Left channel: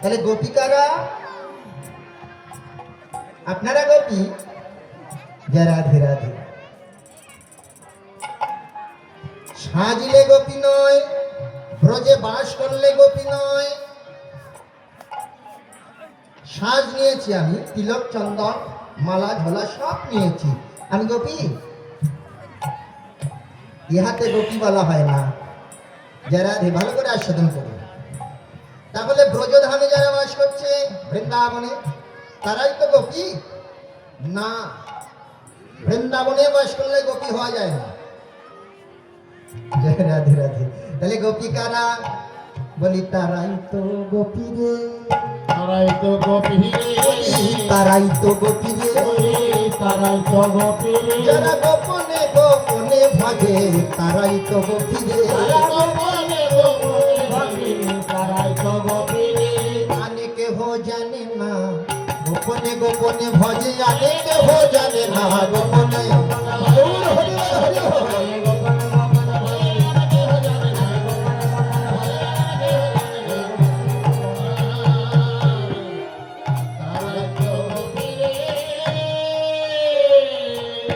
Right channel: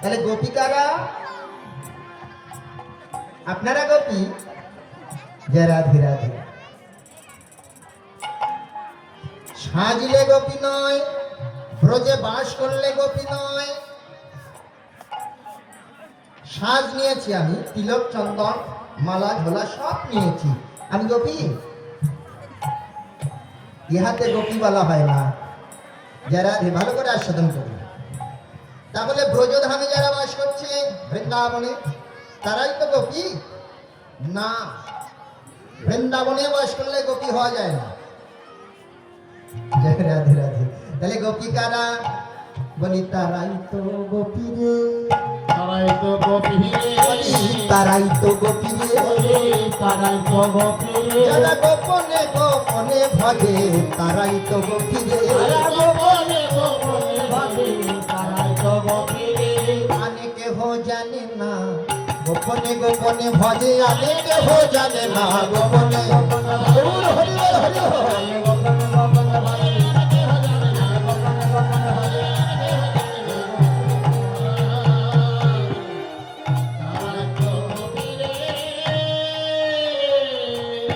তাহলে গোপিকারা আপনারা গোপী, যে রাধে রাধে। সাজলে গোপী নয়, ব্রজে বাস করলে গোপী নয়। সাজ নিয়েছি আমি, তিলক চন্দন মালা ঝোলা সব নিয়েছি, আমি গোপী? ইহাতে গোপী বলা হয় না। যারা ভালো করে আস্বাদন করি, তাহলে ব্রজধামে যারা বাস করছে বৃন্দাবনে, তারাই তো গোপী না। বৃন্দাবনে বাস করলে গোপী হওয়া যায় না। রাধে রাধে। তাহলে গোপিকারা বলি তারাই তো গোপী রে, তারাই তো গোপী রে, তারাই তো গোপী রে, তারাই তো গোপী রে, যারা গোপনে গোপনে ভজে তারাই তো গোপী রে, গোপনে গোপনে ভজে তারাই তো গোপী রে। আনে কেহ জানে না গোপনে গোপনে ভজে, আনে কেহ জানে না গোপনে।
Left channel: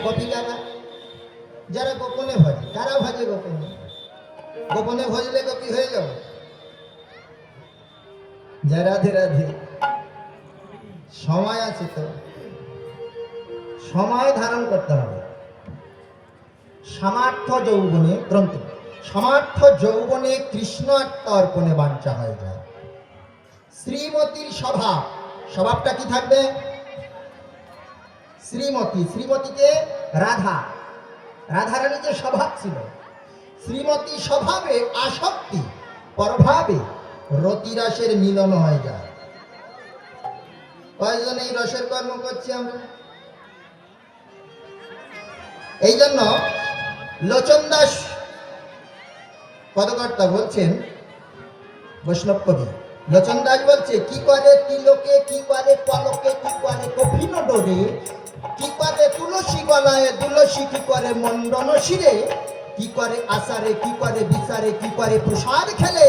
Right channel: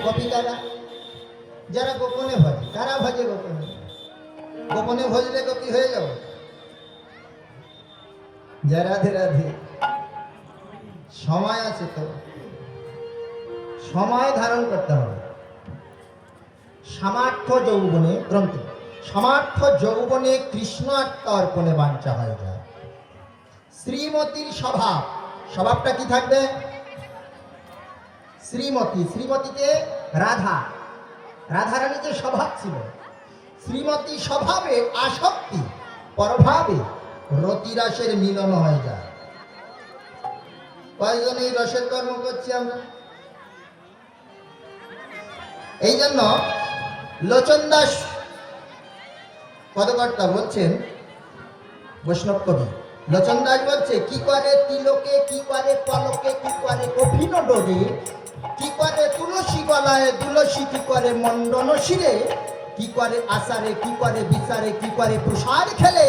গোপীকারা যারা গোপনে ভজে, তারা ভজে গোপনে। গোপনে ভজলে গোপী হয়ে যাও। জয় রাধে রাধে। সময় আছে তো, সময় ধারণ করতে হবে। সামার্থ যৌবনে গ্রন্থ, সামার্থ যৌবনে কৃষ্ণ অর্পণে বাঞ্ছা হয়ে যায়। শ্রীমতীর স্বভাব, স্বভাবটা কি থাকবে? শ্রীমতী, শ্রীমতীকে রাধা, রাধারানী যে স্বভাব ছিল, শ্রীমতী স্বভাবে আসক্তি, প্রভাবে রতিরাসের মিলন হয়ে যায়। কয়েকজন এই রসের কর্ম করছি আমরা। এই জন্য লোচন দাস পদকর্তা বলছেন, বৈষ্ণব কবি লোচন দাস বলছে, কি করে তিলকে, কি করে পলকে, কি করে কঠিন ডোরে, কি করে তুলসী গলায় তুলসী, কি করে মন্ডন শিরে, কি করে আসারে, কি করে বিচারে, কি করে প্রসাদ খেলে,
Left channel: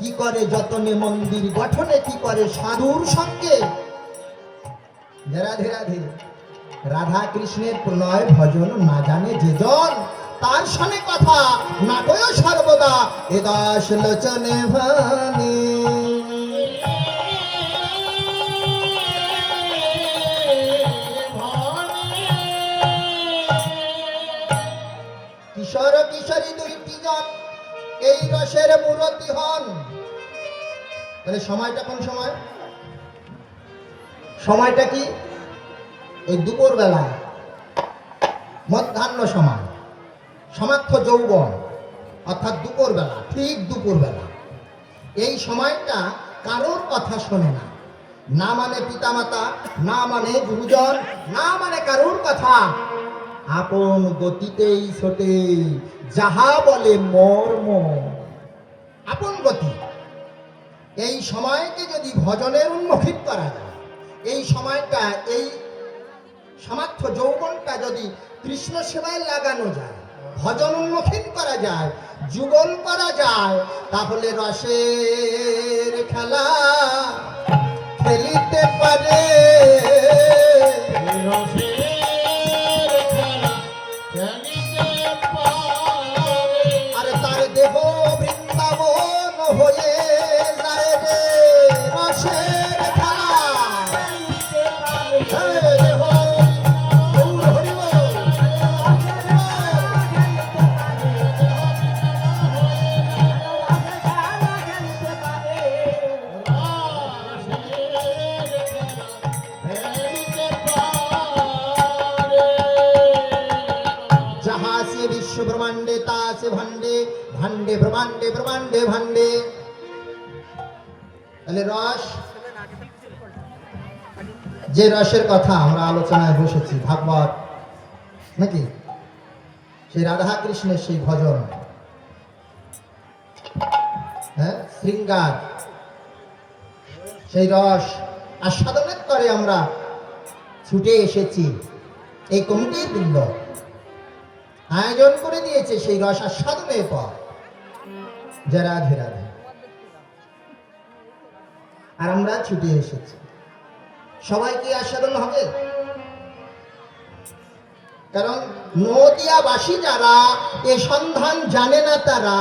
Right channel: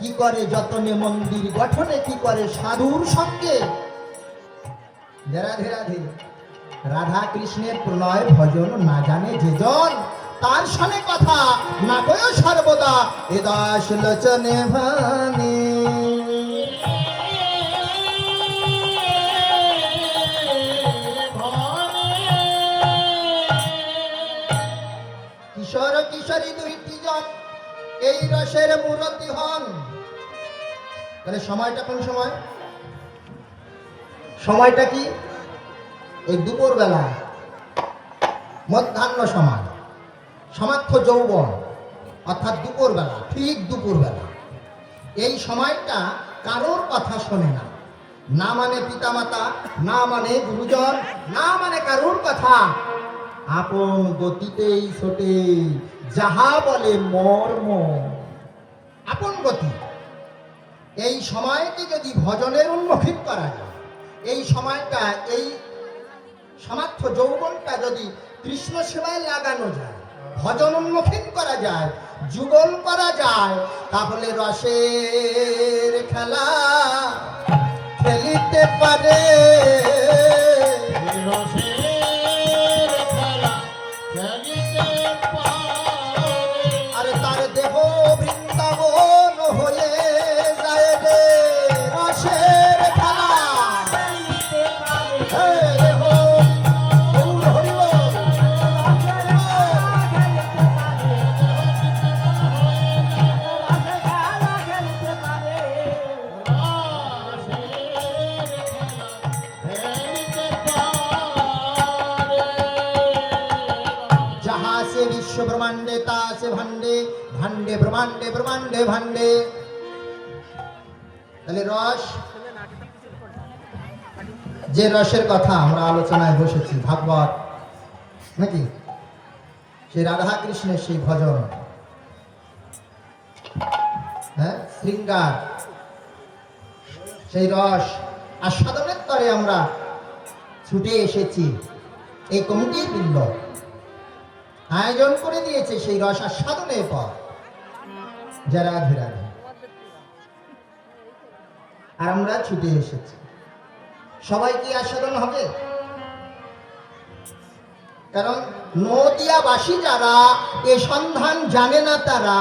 কি করে যতনে মন্দির গঠনে, কি করে সাধুর সঙ্গে। রাধে রাধে। রাধা কৃষ্ণের প্রণয় ভজন না জানে যে জন, তার সঙ্গে কথা না কয় সর্বদা এ দাস লোচনে ভানে। কিশোর কিশোরী দুইটি জন এই রসের মূরতি হন। তাহলে সময়টা কোন সময়? সময়টা কি? ওই দুপুর বেলা, মধ্যাহ্ন সময়, সমার্থ যৌবন, অর্থাৎ দুপুর বেলা, ঠিক দুপুর বেলা। এই সময়টা কারোর কথা শোনে না, না মানে পিতামাতা, না মানে গুরুজন, না মানে কারোর কথা। আপন গতিতেই ছোটে যাহা বলে মর্ম, আপন গতি। এই সময়কে যদি ভজনের উন্মুখী করা যায়, এই সময়টা, এই সমার্থ যৌবনটা যদি কৃষ্ণ সেবায় লাগানো যায়, ভজন উন্মুখী করা যায়, যুগল করা যায়, তাহলে রসের খেলা খেলিতে পারে। আরে তার দেহ বৃন্দাবন হয়ে যায় রে রসের খেলা। विश्व ब्रह्मांडे तासे भांडे भांडे ब्रह्मांडे ब्रह्मांडे भांडे। তাহলে রস, যে রসের কথা আমরা আলোচনায় বসেছি, ভাগবত নাকি, সেই রাধা কৃষ্ণের সেই ভজন, হ্যাঁ, শৃঙ্গার, সেই রস আস্বাদনের তরে আমরা ছুটে এসেছি। এই কমিটির বৃন্দ আয়োজন করে দিয়েছে সেই রস আস্বাদনের পর। যারা রাধে রাধে। আর আমরা ছুটে এসেছি। সবাই কি আস্বাদন হবে? কারণ নদিয়াবাসী যারা এ সন্ধান জানে না, তারা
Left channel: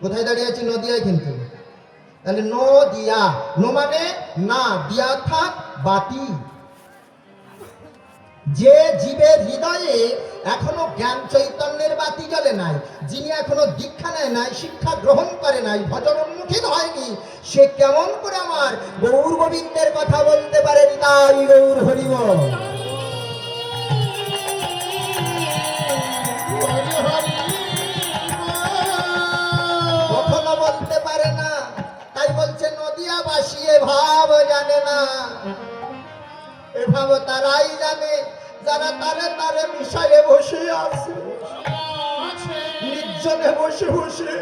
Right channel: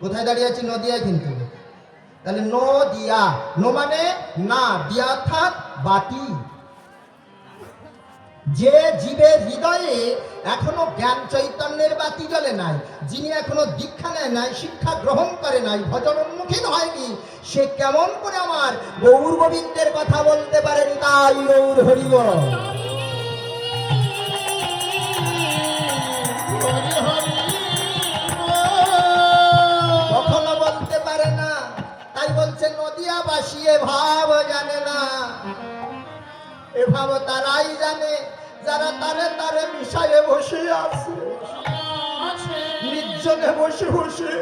কোথায় দাঁড়িয়ে আছি? নদিয়ায়। কিন্তু তাহলে নদিয়া, নো মানে না, দিয়া অর্থাৎ বাতি। যে জীবের হৃদয়ে এখনো জ্ঞান চৈতন্যের বাতি জ্বলে নাই, যিনি এখনো দীক্ষা নেয় নাই, শিক্ষা গ্রহণ করে নাই, ভজন উন্মুখী হয়নি, সে কেমন করে আমার গৌর গোবিন্দের কথা বলতে পারেন? তাই গৌর হরি বল। কখনো বলতে পারে না। তাই বলছে নদিয়াবাসী এ ভাব জানে না। এ ভাব তারাই জানে যারা তারে তারে বিষয়ে বসে আছে, নির্জনে বসে বসে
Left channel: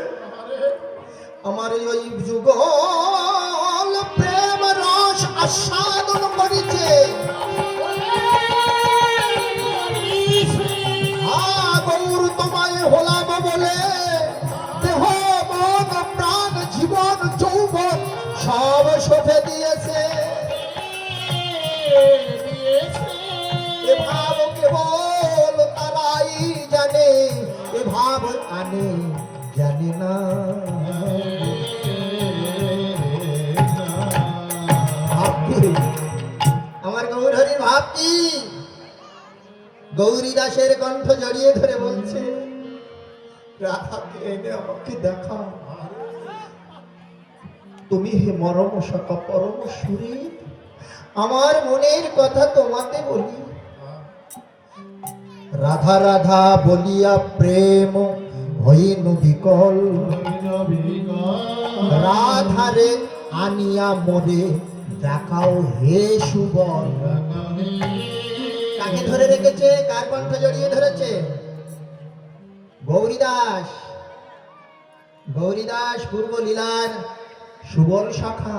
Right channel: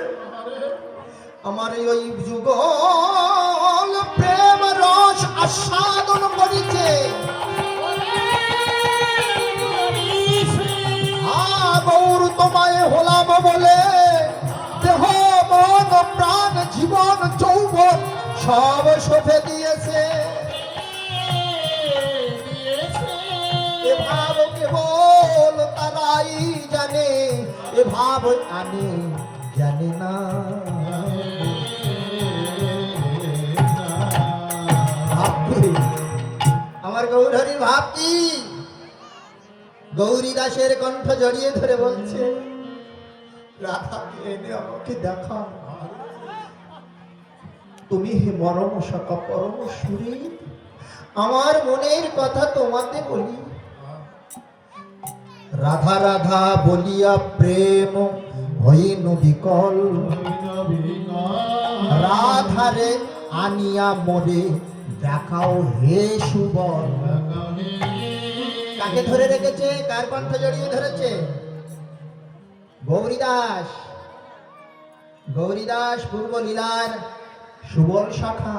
আমার ওই যুগল প্রেম রস আস্বাদন করিছে। গৌর তোমায় হলাম বলে দেহ মন প্রাণ জীবন যৌবন সব সঁপে দিয়েছে। এ ভাব কেবল তারাই জানে, এ ভাব আনে জানে না। আমার গৌরহরির ভাব কি? গৌরী দাসের কণ্ঠ জড়িয়ে ধরে বলছে, রাধাকে এনে আমাকে দেখাও। তুমি হে মরম সকা পরম সুরে, আমার মনের কথা তোমাকে বলি। রাধা রাধা বলিয়া প্রেম হইল বিকল, রাধারে আনিয়া মরে দেখাও হে সুবল। কাকে ধরে রেখেছে? কার কণ্ঠ জড়িয়ে ধরেছে? গৌরীদাস। গৌরীদাস পূর্ব লীলার সুবল শাখা।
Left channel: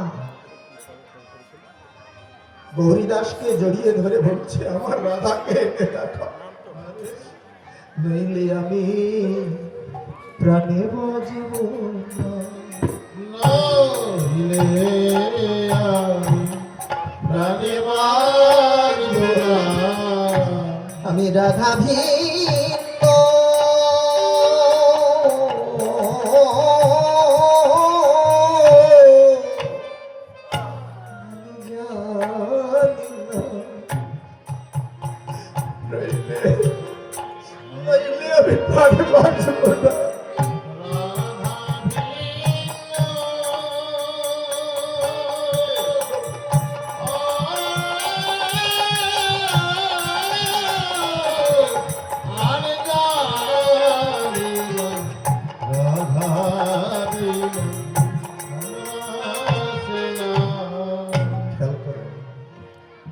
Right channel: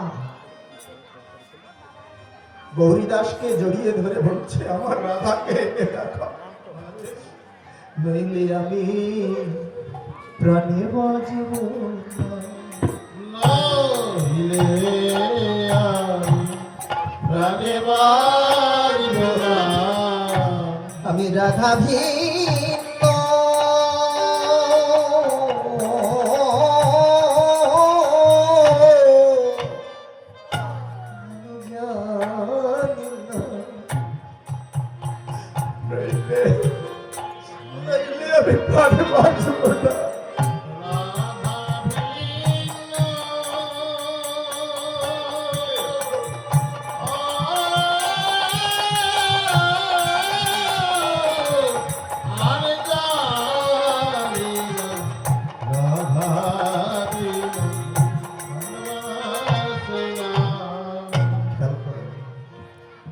গৌরীদাসকে জড়িয়ে ধরে বলছে, আমার রাধাকে এনে দেখাও, নইলে আমি প্রাণে বাজিব না, নইলে আমি প্রাণে বাজিব না। আমি রাধা ভিন্ন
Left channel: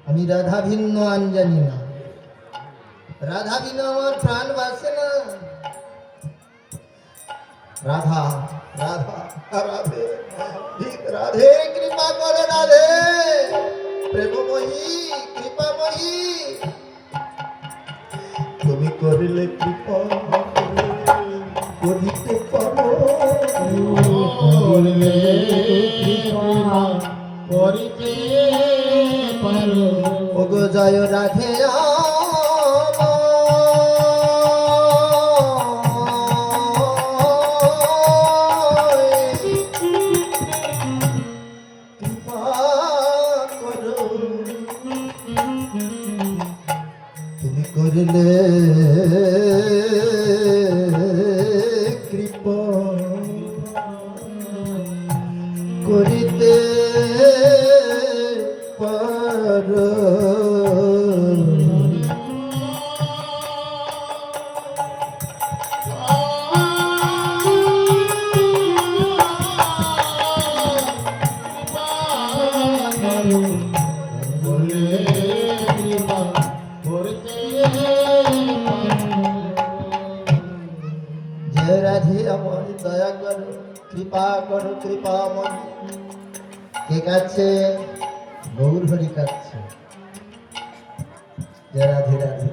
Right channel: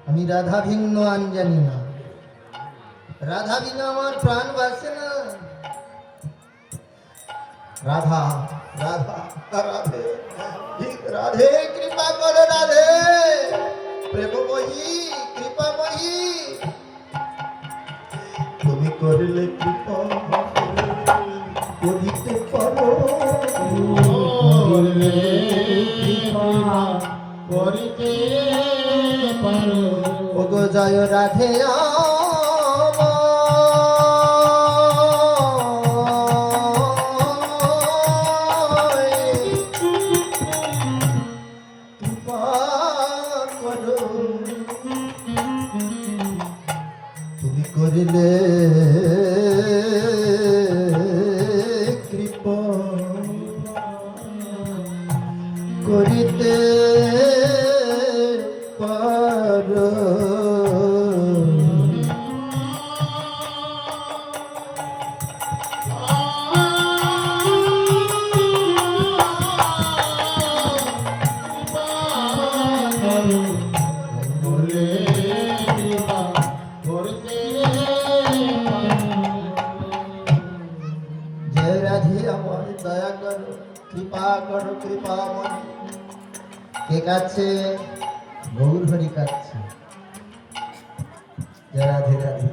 আমি রাধা ভিন্ন আন জানি না। রাধা বিনা আমার প্রাণ বাসে না। রাধা রাধা রাধে রাধে কৃপা করো রাধে, প্রেমময়ী কৃপাময়ী, তুমি করলে কৃপা করিতে পারো, করলে কৃপা করিতে পারো। ওগো জয় রাধে তুমি করলে কৃপা করিতে পারো। জয় রাধে আমার দয়া করো, কৃপা করো, কৃপাময়। কে কাছে? গৌর হরি কাছে। জয় রাধে রাধে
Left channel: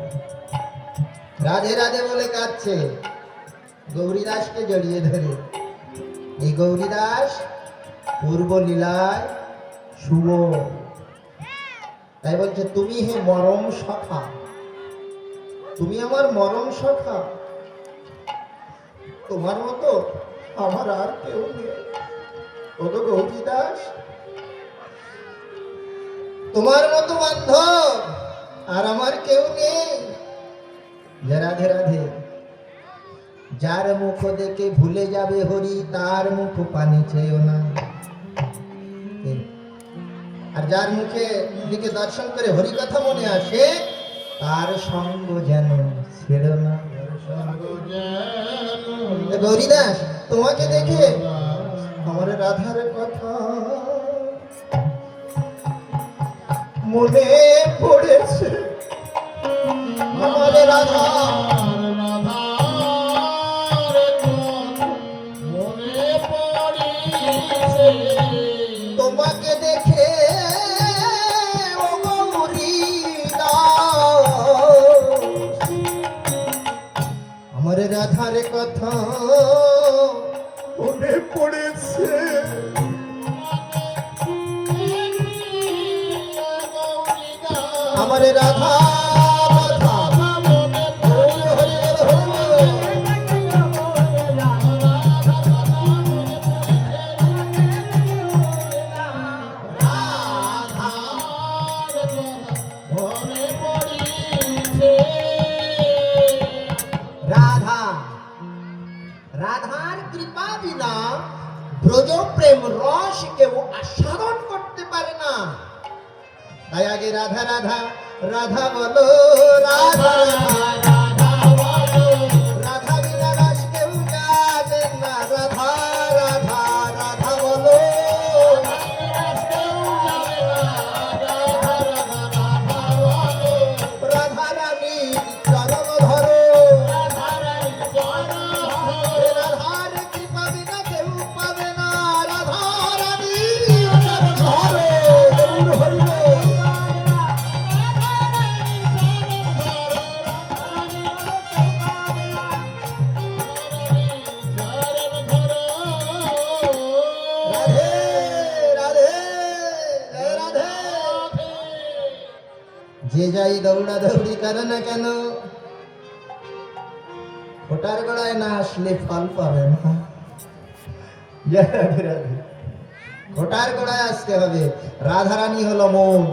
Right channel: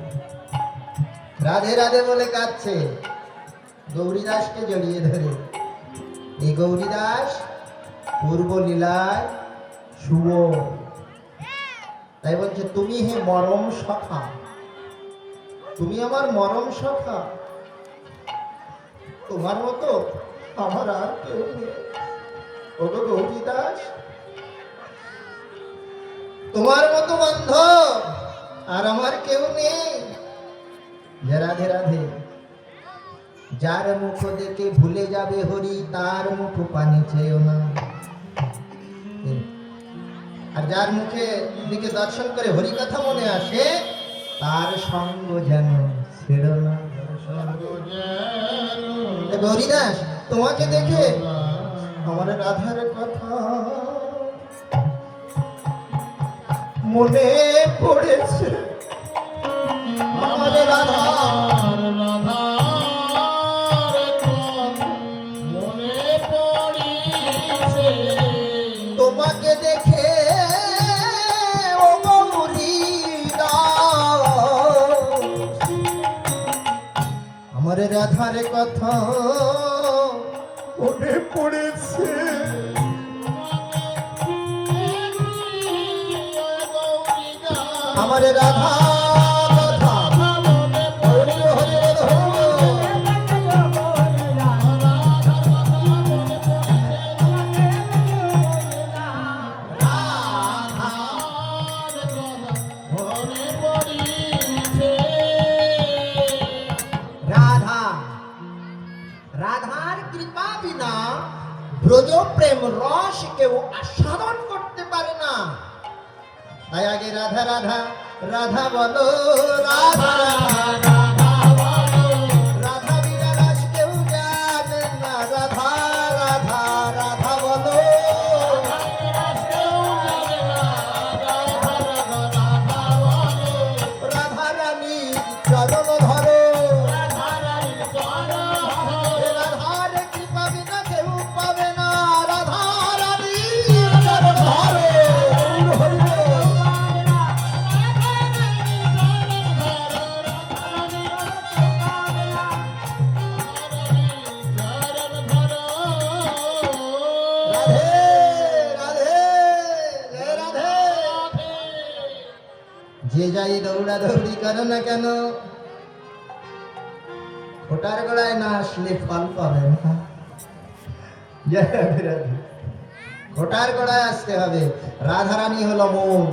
রাধে রাধে বলে কাছে গৌরীদাসকে জড়িয়ে ধরে। এই গৌরীদাস পূর্ব লীলায় শুভ। তাই বলছে তুমি হে মরম সখা, তুমি আমার মরম সখা, তোমার মতো আমার আর কেউ নেই। ওগো গৌরী দাস, তোমার মতো বান্ধব আর আমার কেউ নেই। রাধে রাধে। যার মুখ দেখে ভুলে যাবে হরি, তার মুখ পানি চেয়েও না। আর যার মুখে দিকে দর্শন করে হরি কথা মনে আসে, তার সঙ্গ যেন ছেড়ে না। গৌরীদাস, তোমাকে দেখে আমার রাধার কথা মনে পড়েছে। আমার রাধা তোমাকে দেখে ও গৌরী দাস, আমার রাধার কথা মনে পড়েছে। আমার রাধা রাধার কৃপা বিনা ব্রজ প্রেম রস কেউ আস্বাদন করতে পারে না। তাই আগে রাধা রাধা রাধা বলো, রাধা রাধা রাধা বিনা রস কেউ যাবে না। রাধা রাধা রাধা বলো, রাধা রানী চরণ ধরো, রাধার কৃপা বিনা কেউ পাবে না। রাধা রানী চরণ ধরো। যে যাই দৌড়া দৌড়ি করে না কেন, ওটার গোড়ায় না আসলে ফল পাবে না। ওটার গোড়ায় আসতে হবে। রাধারানী হলো মন।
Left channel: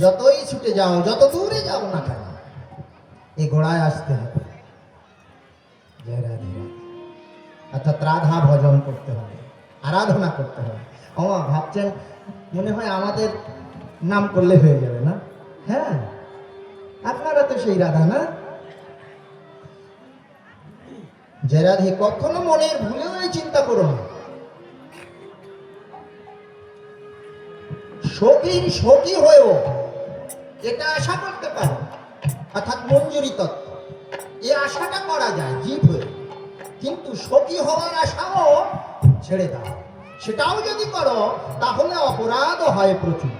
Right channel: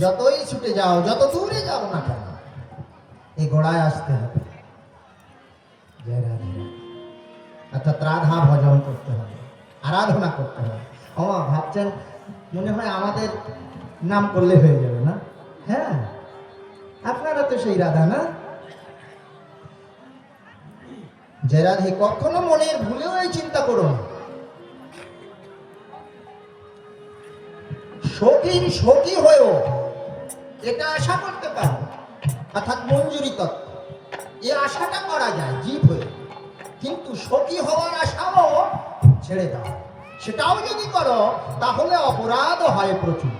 যতই ছুটে যাও, যত দূরে যাও না কেন, এই গোড়ায় আসতে হবে। জয় রাধে। অর্থাৎ রাধা ভজন করতে হবে, আরাধনা করতে হবে। ওমা ভাবছেন মনে হয় আমাদের নাম করলে হয়ে যাবে না? হ্যাঁ, আপনারা তো সেই রাধা না? যে রাধে কখনো মনের ভুলেও এই চিন্তা করো না। সখীর সখী হয়েও এটা আশা করতে পারো, অর্থাৎ মঞ্জুরি তত্ত্ব, এই আশাটা করা যায় জীব হয়ে। কিন্তু সখী হওয়ার আশাও ছেড়ে দাও। সেটাও যদি করো তাহলে অপরাধ হয় প্রচুর।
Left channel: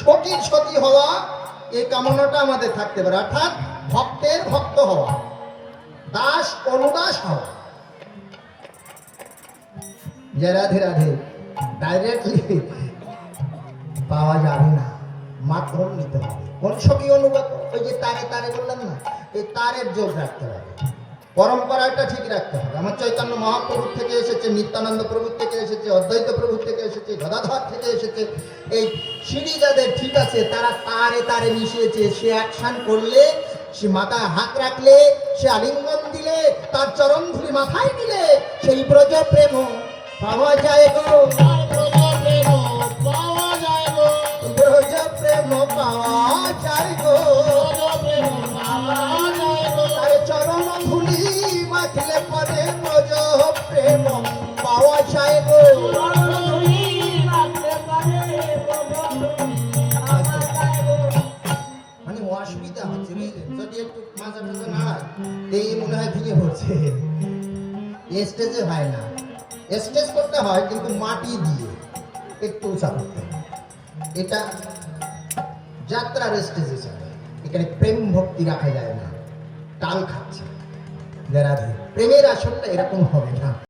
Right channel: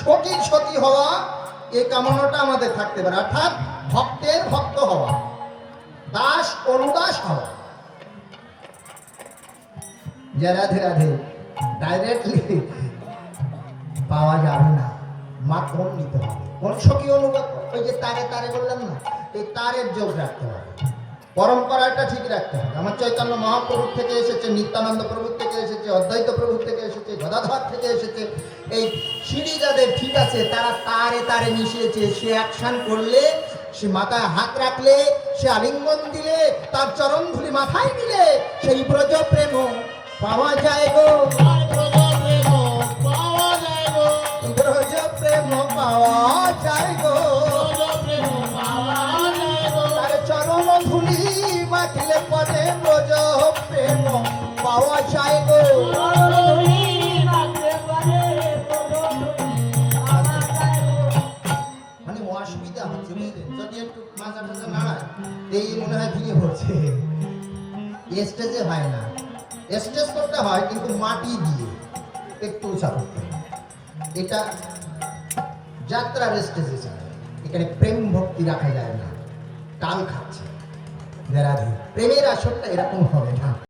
সখীর সখী হওয়া, এই কামনাটা আমাদের থাকতে পারে। অর্থাৎ ভক্তের ভক্ত হওয়া, দাস অনুদাস হওয়া। যে রাধে রাধে ডাইরেক্টলি পাওয়া যাবে না, মাধ্যম নিতে হবে। কোন সখী অনুগত? ওই যে তারে তারে বললেন না, এই তারের যোগ রাখতে হবে, পরম্পরাটা ঠিক রাখতে হবে। আমার চৈতন্য মহাপ্রভুর থেকে এসেছে, নিত্যানন্দ প্রভুর থেকে এসেছে, অদ্বৈত প্রভুর থেকে এসেছে, গদাধর থেকে এসেছে। এই সিঁড়ি যাদের ঠিক আছে, তারা তারে তারে মিশিয়েছে। সে অ্যাকশন করলে, সে মাথায় হাত রাখলে, সে আলিঙ্গন দিলে, তার চরণ ধুলি মাথায় দিলে, সেই ব্রজ প্রেম পাওয়া যায় গো। ব্রজ প্রেম পাওয়া যায় গো। আরে চরণ ধুলি মাথিলে পরে ব্রজ প্রেম পাওয়া যায় গো। মানে অসুবিধা হচ্ছে, বুঝলেন? যদি একটু মাজা মাজা না হয়, এই মনে হয় ভেঙে পড়ছে। স্টেজে হয় না, স্টেজ করতে হয় কিন্তু মাটি দিয়ে একটু উঁচা করতে হয়। এটা যাত্রার স্টেজে চলে, এখানে প্রেম ভক্তি রাখা যায় না, তাল খাচ্ছে। রাধে প্রেমের আসরটা এরকম হবে না।